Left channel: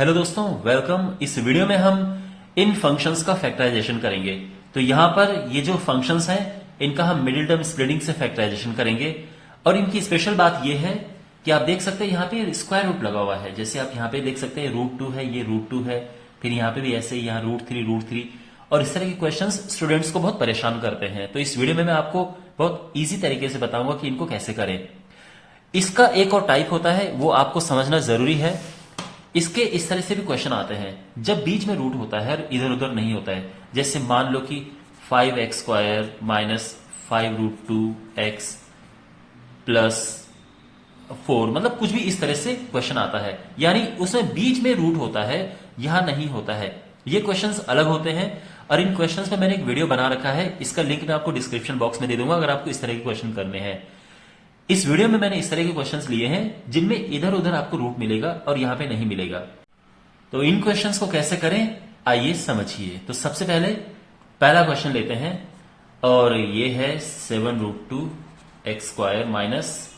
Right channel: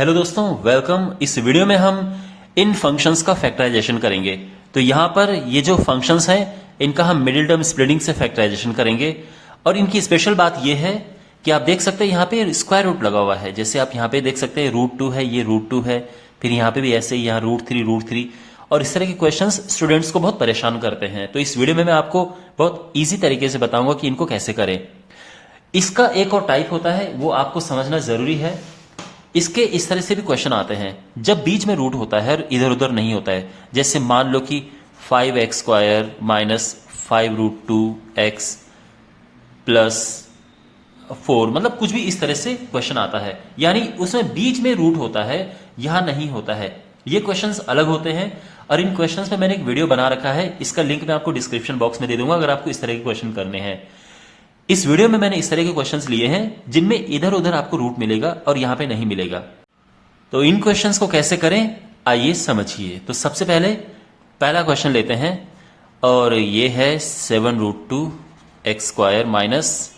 Hello दोस्तों, welcome. इस video में हम इन फंक्शंस का फैक्टराइजेशन करेंगे। तो यहां पर ये जो फंक्शंस हैं इनका हम मिडिल टर्म स्प्लिटिंग से फैक्टराइजेशन करेंगे। और इनकी स्पेशल बात ये है कि आप देख सकते हैं यहाँ पे स्क्वायर रूट लगा हुआ है। जैसे आप यहाँ पे देख सकते हैं √2 है, ये √2 है, फिर यहाँ पे भी ऐसे ही यहाँ √3 और इस तरह के क्वेश्चंस स्टूडेंट्स को बहुत परेशान करते हैं। तो इस वीडियो में मैं आपको बहुत ईजी तरीके से बताऊंगा कि इनको कैसे करें। इसका एक और टाइप होता है, वो आपको समझना जरूरी है। इसके इस तरह से भी क्वेश्चन आते हैं जब बीच में रूट होता है, इधर उधर नहीं होता है। जैसे मान लो कि 5x² माइनस 5√2x प्लस 4, मतलब कुछ भी इस तरह से क्वेश्चन आता है, यानी उसमें बीच में रूट होता है, यहां नहीं होता है। ये क्वेश्चंस अलग होते हैं और इन क्वेश्चंस में मैंने एक वीडियो बना रखा है, इसका लिंक मैं आपको डिस्क्रिप्शन बॉक्स में दे दूंगा अगर आपको इस तरह के क्वेश्चन करने हैं। इस वीडियो में मैंने इस तरह के क्वेश्चंस लिए हैं जिनमें इधर उधर आपको रूट मिलेगा और यहां पे नहीं मिलेगा। तो इन क्वेश्चंस को कैसे करें आइए समझिए। तो सबसे पहले पहला क्वेश्चन लेते हैं और ये है 7√2x² माइनस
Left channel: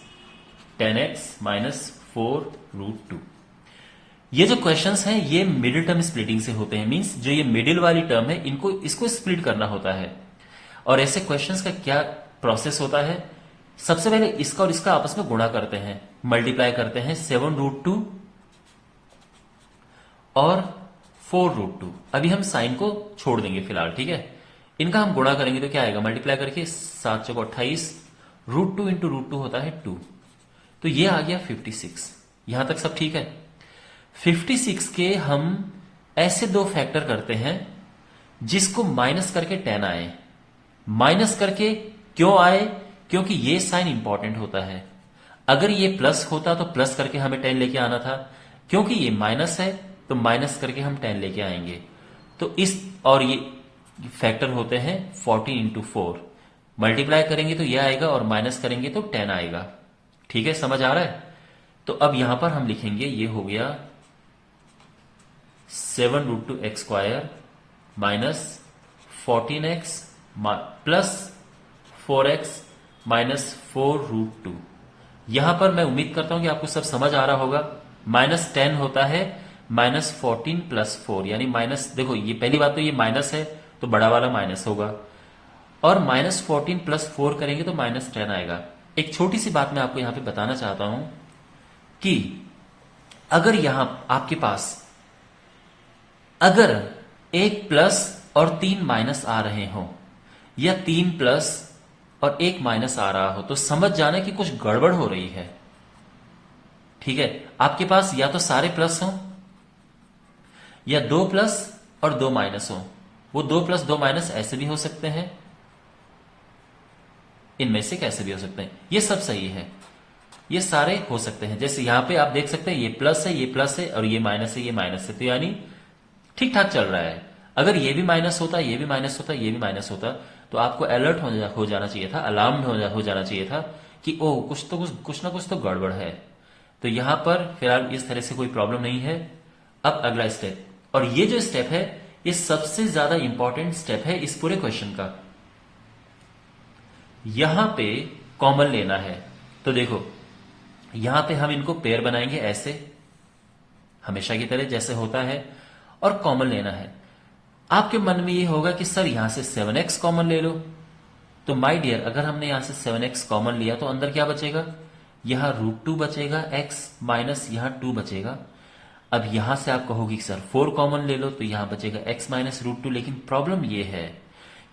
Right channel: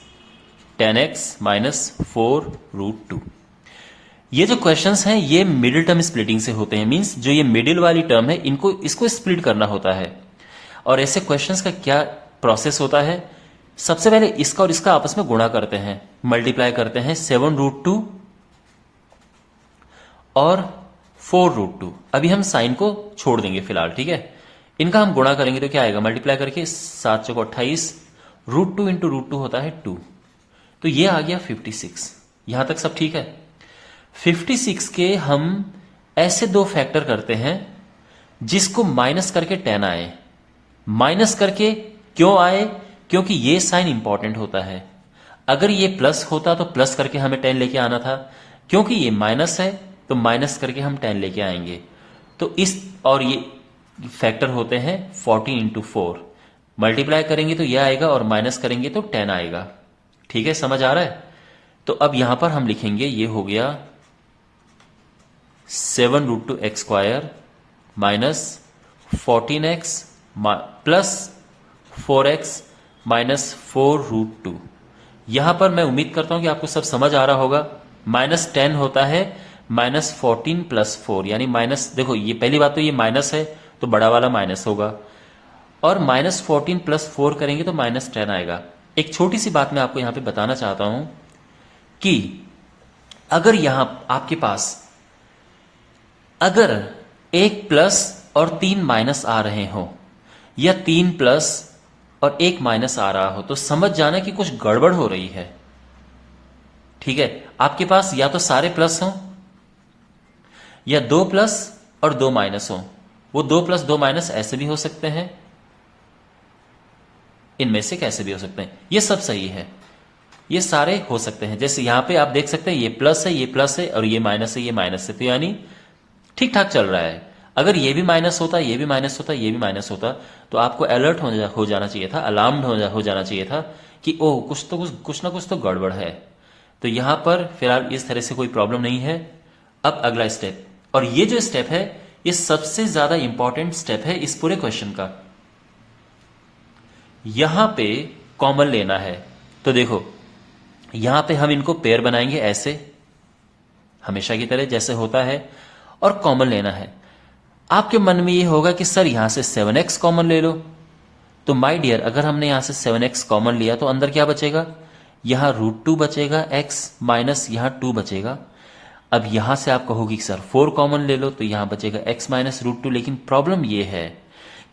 10x माइनस 4√2। ये जो क्वेश्चंस हैं ये मिडिल टर्म स्प्लिटिंग से होते हैं। मींस जो ये मिडिल वाली टर्म है इसको स्प्लिट करना होता है। और ऐसे क्वेश्चंस का क्या प्रोसेस होता है, सबसे पहले इसका और इसका आपस में गुणा करते हैं, मल्टीप्लाई करते हैं। 7√2 और 4√2। अभी हम साइन को छोड़ देंगे फिलहाल, ठीक है। इनका हम गुणा करेंगे तो क्या आएगा, मल्टीप्लाई करके 7 चौको 28, √2 इंटू √2 होता है 2, तो ये आ गया 56। यहां तक सब ठीक है। 56 के हम ऐसे दो फैक्टर करते हैं जिसको माइनस करके 10 आए। माइनस करके क्यों आए, क्योंकि ये साइन इंपॉर्टेंट होता है। अगर ये प्लस होता तो प्लस करके हमें 10 लेके आना था, क्योंकि ये माइनस है तो माइनस करके हम 10 लेके आएंगे। तो इस और ये फैक्टर होते हैं 40 इंटू 4। मल्टीप्लाई करेंगे तो ये आएगा और माइनस करेंगे तो 10 आएगा। ठीक है, समझ आ रहा है। तो अब यहां पर हम लिखेंगे, ये हो गया 7√2x² minus 14x plus 4x minus 4√2। यहां पर मैं उम्मीद करता हूं कि आपको सब समझ आ रहा होगा। -10 होता है -14 प्लस 4, यानी माइनस, देखो ये पहली बात तो ये माइनस है तो बड़ा वाला माइनस होगा, और -14 प्लस 4 करेंगे तो -10 आएगा। एक छोटी सी बात मैं आपको यहां पे बताना चाहता हूं कि अगर यहां आपके पास अगर एक प्लस और 3 माइनस आ रहे हो, या 3 प्लस और 1 माइनस आ रहा हो, तो समझ जाना कि कुछ गड़बड़ हो रही है। ठीक है, आपके पास या तो सारे प्लस हो या 2 प्लस और 2 माइनस हो। वो 2 प्लस 2 माइनस ऐसे भी हो सकते हैं, इनमें से कैसे भी हो सकते हैं। ये सब सही है, ये सारे हो सकते हैं। जैसे यहां पे आप देख सकते हैं ये प्लस है, ये प्लस है, और ये माइनस है, ये माइनस है, तो यानी ठीक ठाक चल रहा है। अगर ये भी माइनस होता, ये भी माइनस होता, ये भी माइनस होता, तो आपको अलर्ट हो जाना चाहिए था, अलार्म्ड हो जाना चाहिए था कि ओह कुछ ना कुछ तो गड़बड़ है। तो यहां पर फिलहाल इस तरह से कोई प्रॉब्लम नहीं है। अब अगला स्टेप, और ये जो स्टेप है ये सबसे ज्यादा इंपॉर्टेंट स्टेप है इस पूरे क्वेश्चन का। यहां पे कॉमन लेना है। तो देखो यहां पे हम इनको पेयर बनाएंगे ऐसे, हमेशा की तरह जैसे होता है, और कॉमन लेना है। आपके मन में ये होगा कि सर यहां से 7x कॉमन ले लो। तो माय डियर, अगर हमने यहां से 7x कॉमन लिया तो अंदर क्या बचेगा, यहां √2 बचेगा x माइनस यहां 2 बचेगा। अब यहां से आप कहोगे कि सर 4 कॉमन ले लो, तो यहां बचेगा x माइनस √2। लेकिन प्रॉब्लम ये है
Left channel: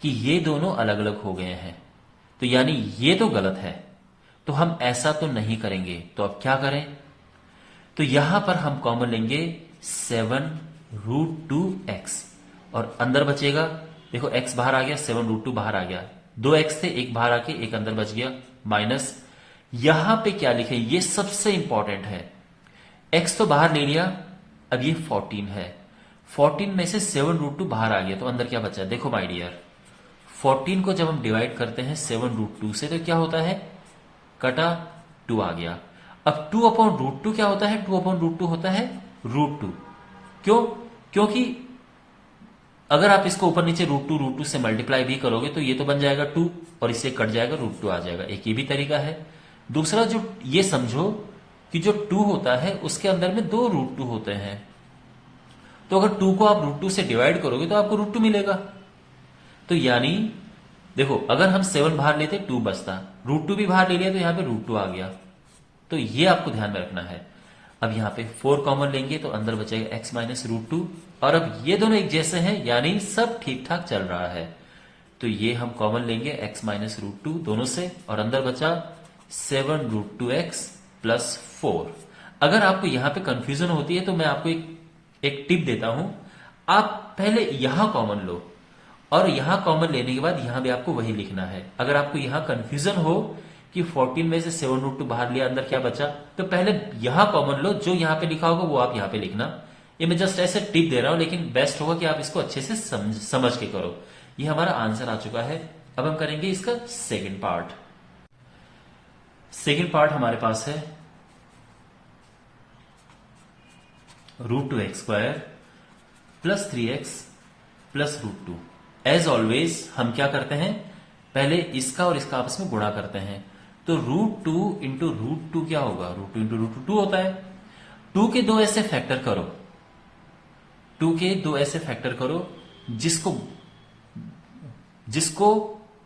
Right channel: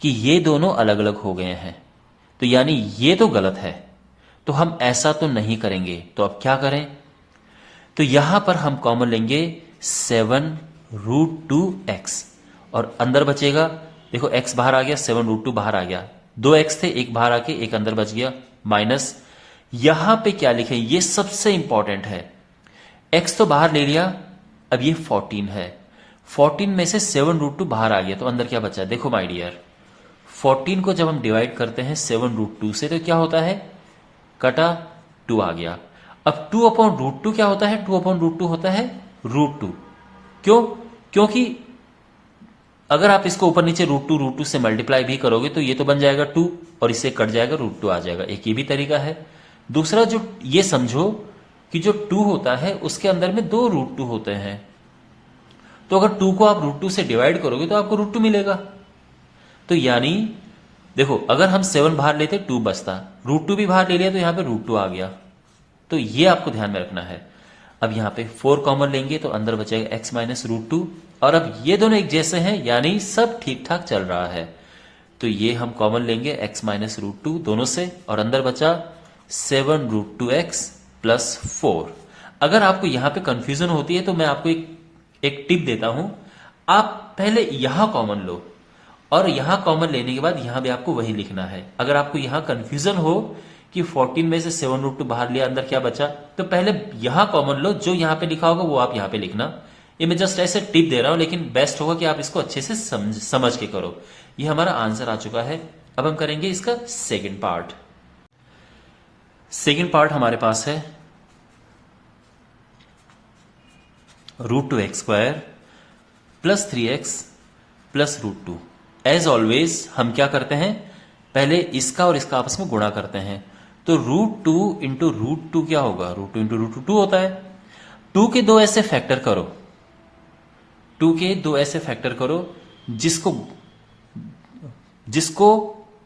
कि ये दोनों अलग अलग हो गए हैं, तो यानी ये तो गलत है, तो हम ऐसा तो नहीं करेंगे। तो अब क्या करें, तो यहां पर हम कॉमन लेंगे 7√2x, और अंदर बचेगा, देखो x बाहर आ गया, 7√2 बाहर आ गया, 2x थे, एक बाहर आके एक अंदर बच गया, माइनस यहां पे क्या लिखें, ये सबसे इंपॉर्टेंट है। x तो बाहर ले लिया, अब ये 14 है, 14 में से 7√2 बाहर आ गया, तो अंदर क्या बचा, देखो माय डियर, 14 को जब हम डिवाइड करते हैं 7√2 से तो क्या होता है, कटा 2 आ गया। अब 2/√2 क्या होता है, 2/√2 होता है √2। क्यों, क्योंकि अगर आप इसको ऊपर नीचे √2 से मल्टीप्लाई भी करोगे तो ये तो बन जाएगा 2, और इससे कट जाएगा √2 आ जाएगा। एक ये भी तरीका है। दूसरा, जो ये समझो कि जो 2 होता है उसके अंदर में 2 √2 होते हैं, तो अगर 2 को आप √2 से डिवाइड करोगे तो आपको √2 मिलेगा। तो यानी देखो, अगर हम 7 बाहर लेते 2 बचता, √2 भी बाहर ले लिया तो यहां पे √2 आ गया। तो ये आपको ध्यान में रखना है। अब यहां पे 4 कॉमन लेंगे तो अंदर बचेगा x माइनस √2, और अब ये दोनों एक जैसे हैं, यानी सब ठीक ठाक चल रहा है। तो ये हम कॉमन लेंगे x माइनस √2 दोनों से, और अंदर बचा 7√2x प्लस 4। अगर आपको यहां पे कंफ्यूजन होती है तो मैं आपको एक टिप देता हूं। आप पहले यहां कॉमन लो, और यहां कॉमन लेने के बाद यहां भी आपको वही लिखना है। अगर आपको यहां कंफ्यूजन हो कि 14 में से 7√2 बाहर लिया, अंदर क्या बचा, तो पहले यहां कॉमन लो, जो यहां पे लिखा होगा वो आप यहां पे लिखना। ये मैं जस्ट ऐसे टिप दे रहा हूं, लेकिन बेस्ट होगा कि आप इसको अच्छे से समझ के करो। ये हमारा आंसर आ चुका है। अब हम करेंगे इसका सेकेंड पार्ट। सेकेंड पार्ट हमारे पास है √2x² plus 3x plus √2। As always हम क्या करते हैं, पहले इसका और इसका आपस में गुणा करते हैं। तो √2 इंटू √2 क्या होगा, √2 इंटू √2 होता है। 2 के 2 ऐसे फैक्टर करो, 2 के 2 ऐसे फैक्टर करो जिसको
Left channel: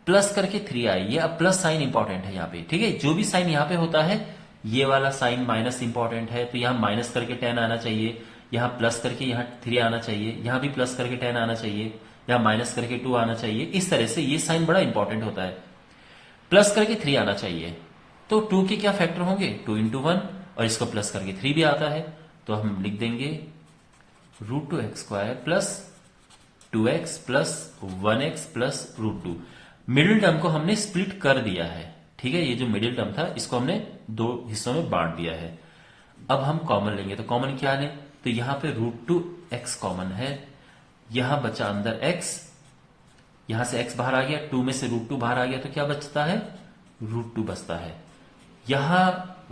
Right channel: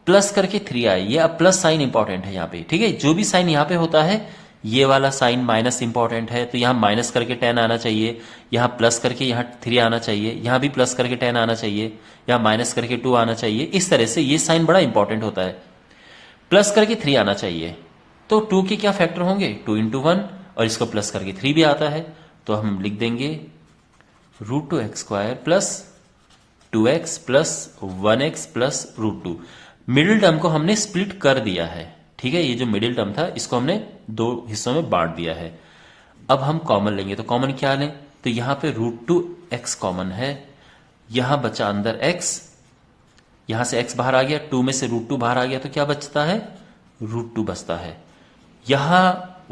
प्लस करके 3 आए। ये अब प्लस साइन इंपॉर्टेंट है यहां पे, ठीक है। जो भी साइन यहां पे होता है, ये वाला साइन माइनस इंपॉर्टेंट है, तो यहां माइनस करके 10 आना चाहिए, यहां प्लस करके यहां 3 आना चाहिए, यहां भी प्लस करके 10 आना चाहिए, यहां माइनस करके 2 आना चाहिए। इस तरह से ये साइन बड़ा इंपॉर्टेंट होता है। प्लस करके 3 आना चाहिए, तो 2 के क्या फैक्टर होंगे, 2 इंटू 1, और इसको प्लस करके 3 भी आता है, तो हम लिख देंगे √2x² plus 2x plus 1x plus √2। Middle term को हमने स्प्लिट कर दिया है, ठीक है। ये जो मिडिल टर्म था इसको हमने 2 हिस्सों में बांट दिया है। अब हम कॉमन लेंगे, तो कॉमन क्या लें, तो यहां पे √2x कॉमन है, यहां बचा अंदर x, यहां से x बाहर आ गया, 2 में से √2 बाहर आ गया, तो क्या बचता है, √2 बचता है। यहां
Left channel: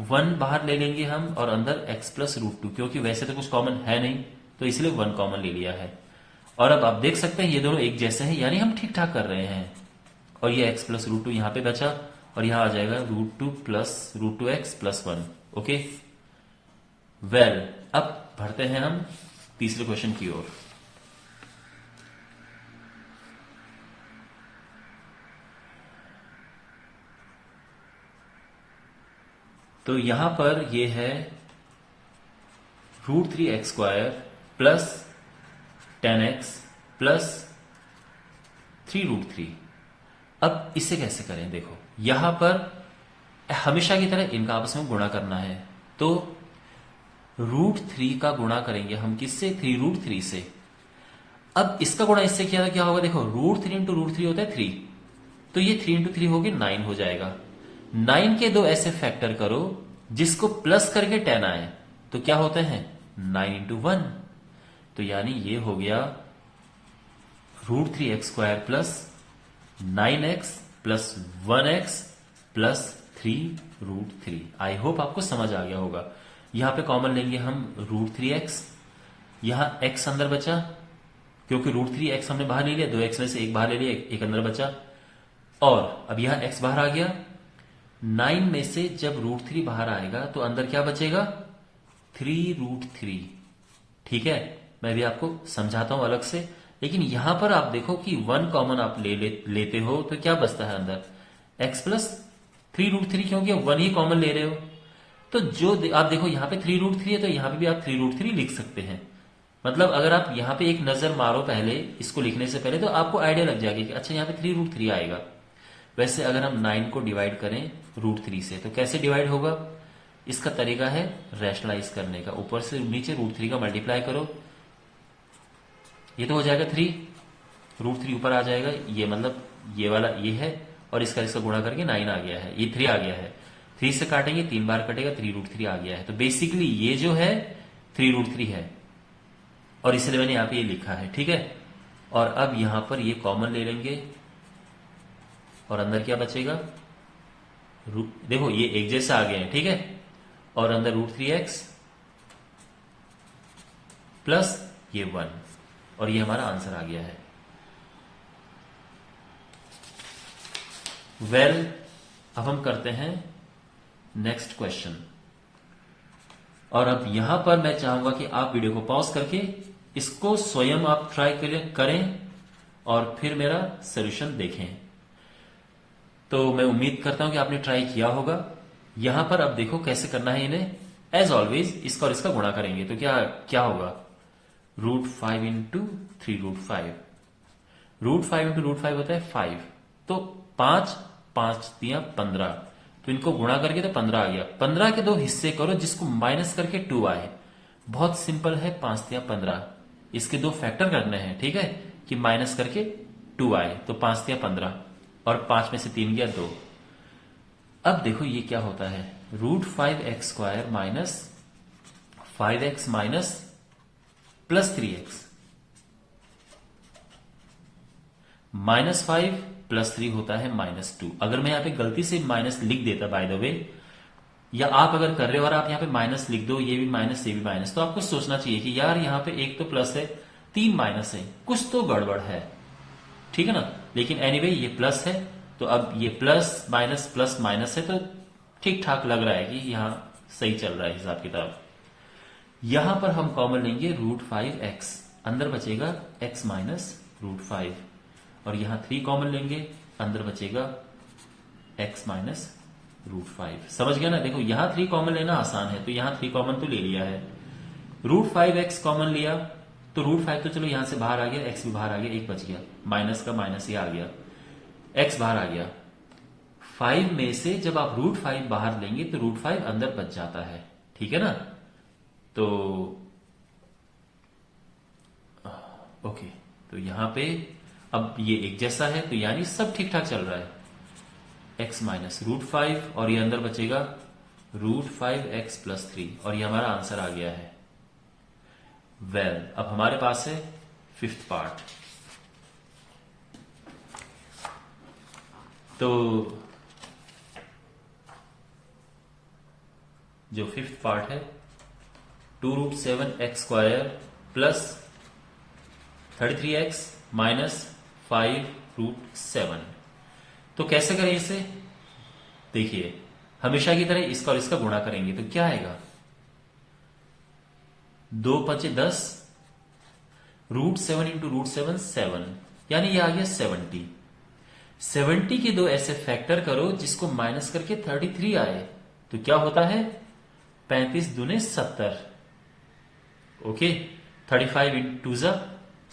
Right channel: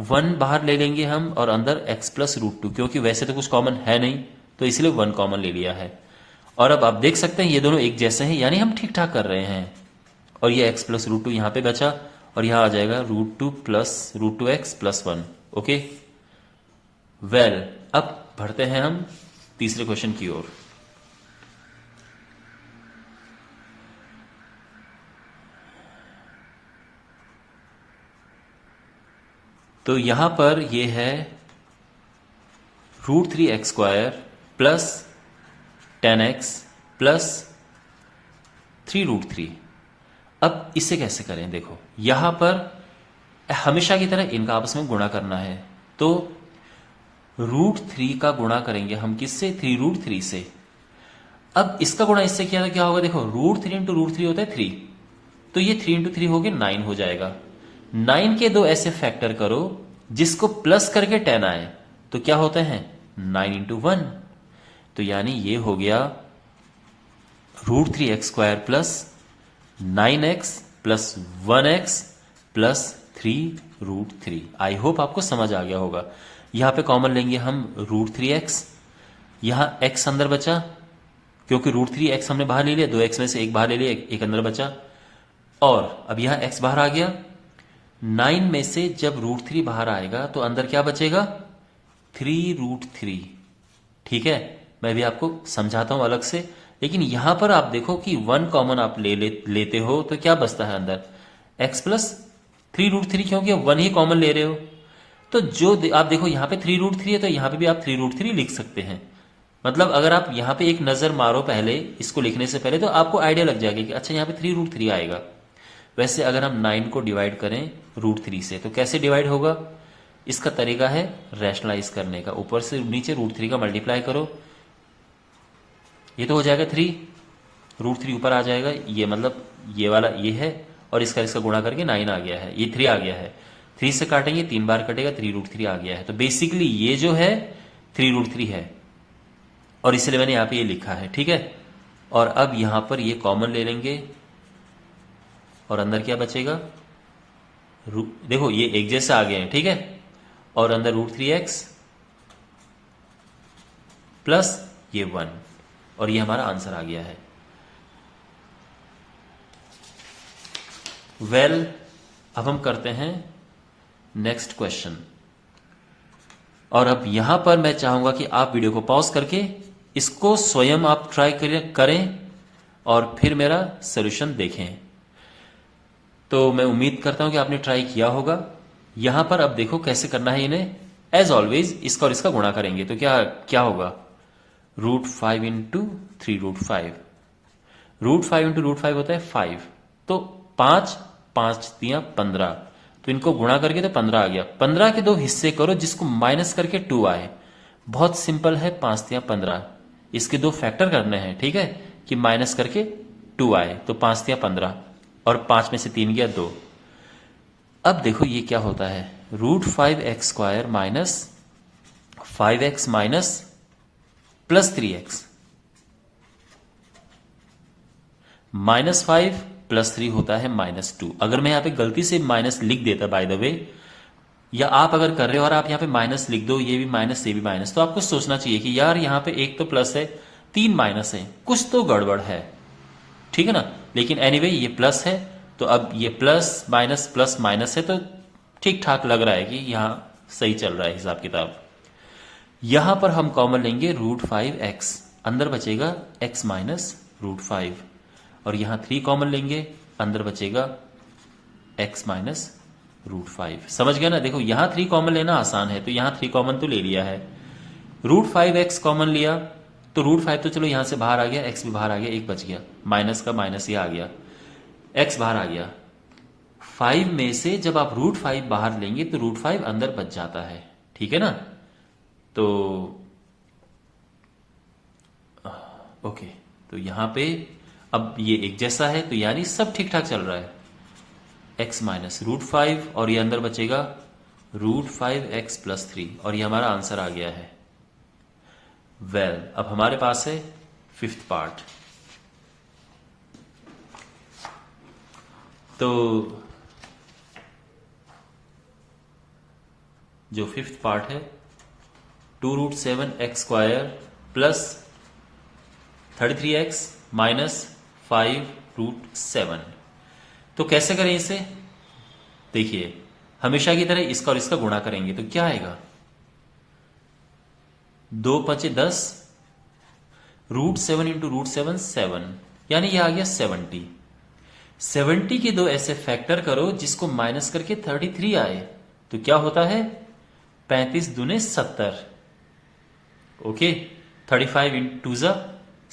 1 बाहर ले लेंगे हम, और अंदर x प्लस √2, क्योंकि वैसे तो कुछ कॉमन है नहीं, तो इसलिए 1 कॉमन ले लिया है। और अब आप देख सकते हैं ये दोनों एक जैसे हैं, यानी हम ठीक ठाक कर रहे हैं। और ये x प्लस √2 यहां पे बचा, और यहां आ जाएगा √2 plus √2x plus 1। Okay well, अब बढ़ते हैं हम तीसरे क्वेश्चन की ओर। तो यहां पर ये है √3x² प्लस 10x प्लस 3√3। अब इसे कैसे करें, देखो यहां पर हमेशा की तरह इनका आपस में गुणा करना है। तो √3 का गुणा करेंगे हम किससे, 3√3 से। अब इसका गुणा इससे क्या होगा, देखो √3 इंटू √3 होता है 3, तो ये 3 इंटू 3 हो गया 9 हो जाएगा। 9 के 2 ऐसे फैक्टर करो जिसको प्लस करके 10 आए, तो क्या होते हैं 9 इंटू 1। तो यानी ये हो गया √3x² plus 9x plus 1x plus 3√3। I hope आपको समझ आ गया होगा। यहां पे कॉमन लेंगे हम √3x, यहां x अंदर बचा, क्योंकि √3x हमने बाहर ले लिया, 2x में से एक बाहर ले लिया, एक अंदर बचा, और अब यहां x बाहर आ गया। 9 में से जब √3 बाहर आएगा तो अंदर क्या बचेगा, 3√3, ठीक है। मैं भी आपको समझाता हूं अलग से, लेकिन यहां पर आप देखो कि 1 कॉमन आप लेते हो तो क्या बचता है अंदर, x प्लस 3√3, क्योंकि 1 ही कॉमन ले रहे हो। तो जो आप देखो यहां पे 3√3 है, तो यहां पे भी आप 3√3 लिख सकते हैं। मतलब अगर आप यहां पे एक नजर मारो पहले इसको लिखने से पहले, तो आपको आइडिया लग जाएगा कि अच्छा यहां पे 3√3 आएगा। वैसे अगर हम 9 को डिवाइड करें √3 से, तो कैसे डिवाइड होगा, इसका तरीका है रैशनलाइज करने का। ऊपर से नीचे √3 का मल्टीप्लाई करो, ये तो हो जाएगा 3, √3 ऊपर आ जाएगा, ये मतलब ये वाला ये है, और इसका गुणा करके 9 आ गया है, ये 3 आ गया है। 3 से काटेंगे 3 बार कटेगा, 3√3 आ गया है। तो बेसिकली ये जो है 3√3 है, और इसलिए मैंने यहां पे ये लिखा है, ठीक है। और अब यहां पर ये कॉमन ले लेंगे, और अंदर क्या बचेगा, देखो ये एक जैसे आ गए हैं, ठीक है। और अंदर √3x प्लस ये 1, और ये हमारा आंसर आ गया है। वेल, अब हम करते हैं नेक्स्ट क्वेश्चन। और अब यहां पर मैं चाहूंगा कि आप वीडियो को पॉज करके इसको स्वयं आप ट्राई करें और फिर मेरा सोल्यूशन देखें। तो मैं उम्मीद करता हूं कि आपने ट्राई किया होगा। यहां पर अब देखो कैसे करना है इन्हें। एज ऑलवेज इसका और इसका गुणा करेंगे तो क्या क्या होगा, √5 इंटू 3√5, √5 इंटू √5 होता है 5, तो 5 5 दिया 15, तो इनको गुणा करके तो 15 आ गया। 15 के दो हिस्से करो जिसको माइनस करके 2 आए। बहुत सिंपल है, 5 दिया 15, इसके दो फैक्टर करने हैं, ठीक है, कि माइनस करके 2 आए, तो 5 दिया 15 और 5 में से 3 गया 2। अब देखो ये क्या होता है, √5x² minus 5x minus plus 3x, -5 + 3 होता है -2। अगर मैं यहां पे गलती से माइनस लिख देता बाय द वे, या आप अगर कर रहे हो और आप यहां पे माइनस लिख दो, ये भी माइनस ये भी माइनस, तो आपको सोचना चाहिए कि यार यहां पे एक तो प्लस है 3 माइनस है, कुछ तो गड़बड़ है, ठीक है ना। लेकिन एनीवे ये प्लस है, तो अब ये प्लस माइनस है, तो ठीक ठाक लग रहा है कि यहां सही चल रहा है हिसाब किताब। यहां पर हम कॉमन लेंगे √5x, अंदर बचेगा x माइनस √5, और यहां 3 कॉमन लेंगे, अंदर बचेगा x माइनस √5। समझ गया ना। देखो यहां 3 कॉमन लेना आसान है, तो यहां 3 कॉमन तो ले लिया है। √5x कॉमन लिया तो √5 तो चलो यहां से बाहर आ गया, x भी बाहर आ गया, एक बच गया, माइनस का माइनस ये आ गया, x बाहर आ गया। 5 में से जब आप √5 बाहर लेंगे तो √5 अंदर बच जाता है, ठीक है ना। तो ओके, तो यहां पे अब ये एक जैसा है, तो यानी सब ठीक ठाक चल रहा है। x माइनस √5 और ये अंदर बचेगा √5x + 3, और ये हमारा आंसर आ गया है। वेल, अब हमारे पास है 5th पार्ट। तो जो 5th पार्ट है 2√7x² प्लस 33x माइनस 5√7। तो कैसे करें इसे, देखिए हमेशा की तरह इसका और इसका गुणा करेंगे तो क्या आएगा, 2 5 10, √7 इंटू √7 7, यानी ये आ गया 70। 70 के दो ऐसे फैक्टर करो जिसको माइनस करके 33 आए, तो क्या होता है, 35 दूने 70, ओके, 35 इंटू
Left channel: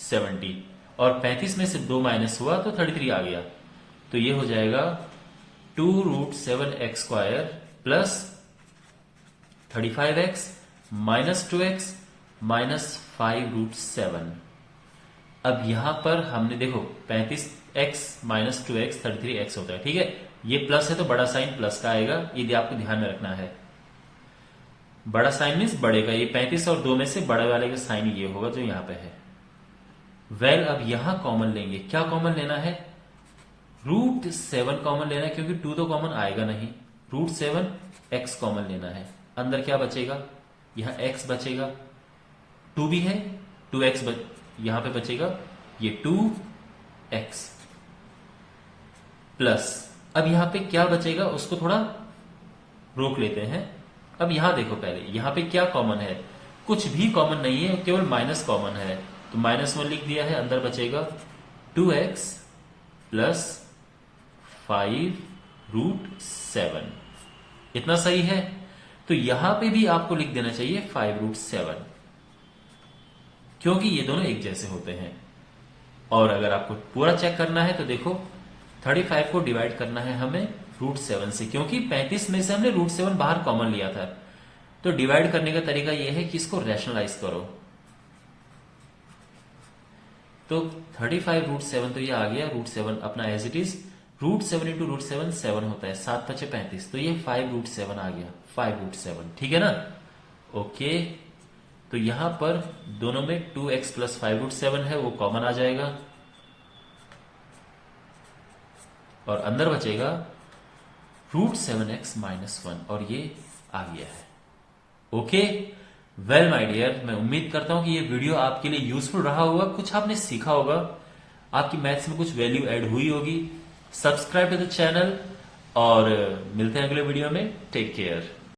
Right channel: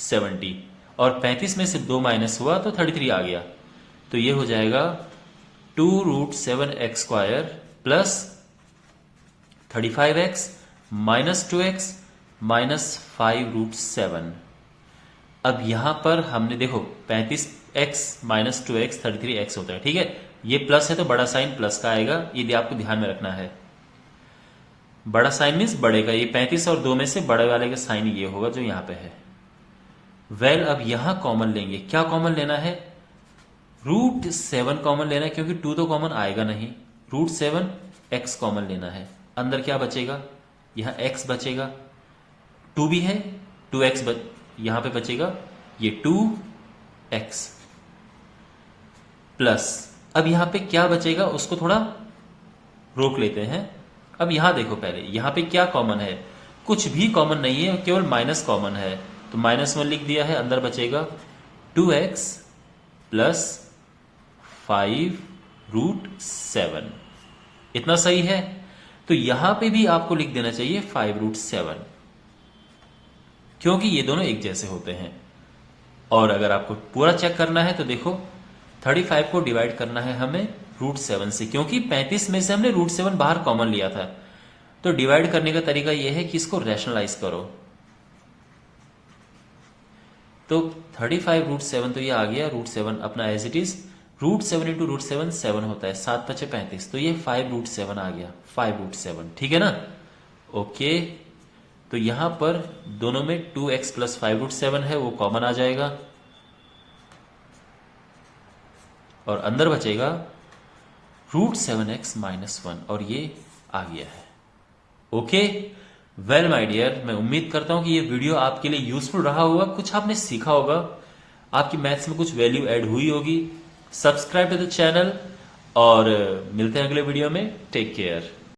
70, और 35 में से 2 माइनस हुआ तो 33 आ गया, तो ये हो जाएगा 2√7x² plus 35x minus 2x minus 5√7। अब यहां पर हमने देखो 35x माइनस 2x 33x होता है, ठीक है, ये प्लस है तो बड़ा साइन प्लस का आएगा, ये आपको ध्यान में रखना है। बड़ा साइन मीन्स बड़े का, ये 35 और 2 में से बड़े वाले का साइन ये होगा जो यहां पे है। वेल, अब यहां कॉमन लेंगे, क्या कॉमन लेना है, √7 कॉमन लेना है, क्योंकि 2 तो कॉमन आएगा नहीं। √7x कॉमन लेना है, अंदर क्या बचेगा, यहां x बचेगा, 2 भी है, 2x यहां पे बचेगा, ये 2x प्लस, अब यहां पे क्या बचेगा उसको थोड़ा रोक लेते हैं। अब यहां देखो, पहले यहां पे क्या कॉमन है, कुछ भी कॉमन नहीं है, केवल माइनस कॉमन है, तो -1 लिख दिया है, अंदर बचेगा 2x प्लस 5√7। इतना सही है, तो यहां पे भी आपको लिख देना चाहिए 5√7, क्योंकि ये दोनों एक जैसे होते हैं। और अगर आपको पूरा चेक करना है तो देखो 35 को डिवाइड करना है हमें √7 से, क्योंकि 35 में से हमने √7 बाहर कॉमन लिया था। तो डिवाइड करने का तरीका यह है कि इसको रैशनलाइज करो, तो 35√7, तो ये आ गया √7 अपना एज इट इज, √7 इंटू √7 7 होता है, 7 5 35, तो ये 5√7 आ गया, 5√7, ठीक है ना। ओके, तो यहां पर दोनों में 2x प्लस 5√7 है, वो कॉमन आ जाएगा, और अंदर बचेगा √7x माइनस 1, और ये आ गया है। ओके, वेल माय डियर, मैं उम्मीद करता हूं कि ये वीडियो आपके लिए यूजफुल रहा होगा, कुछ आपने सीखा होगा, आपकी मैथ्स में कुछ वैल्यू ऐड हुई होगी। सब्सक्राइब टू द चैनल, और मिलते हैं अगले वीडियो में। Take care.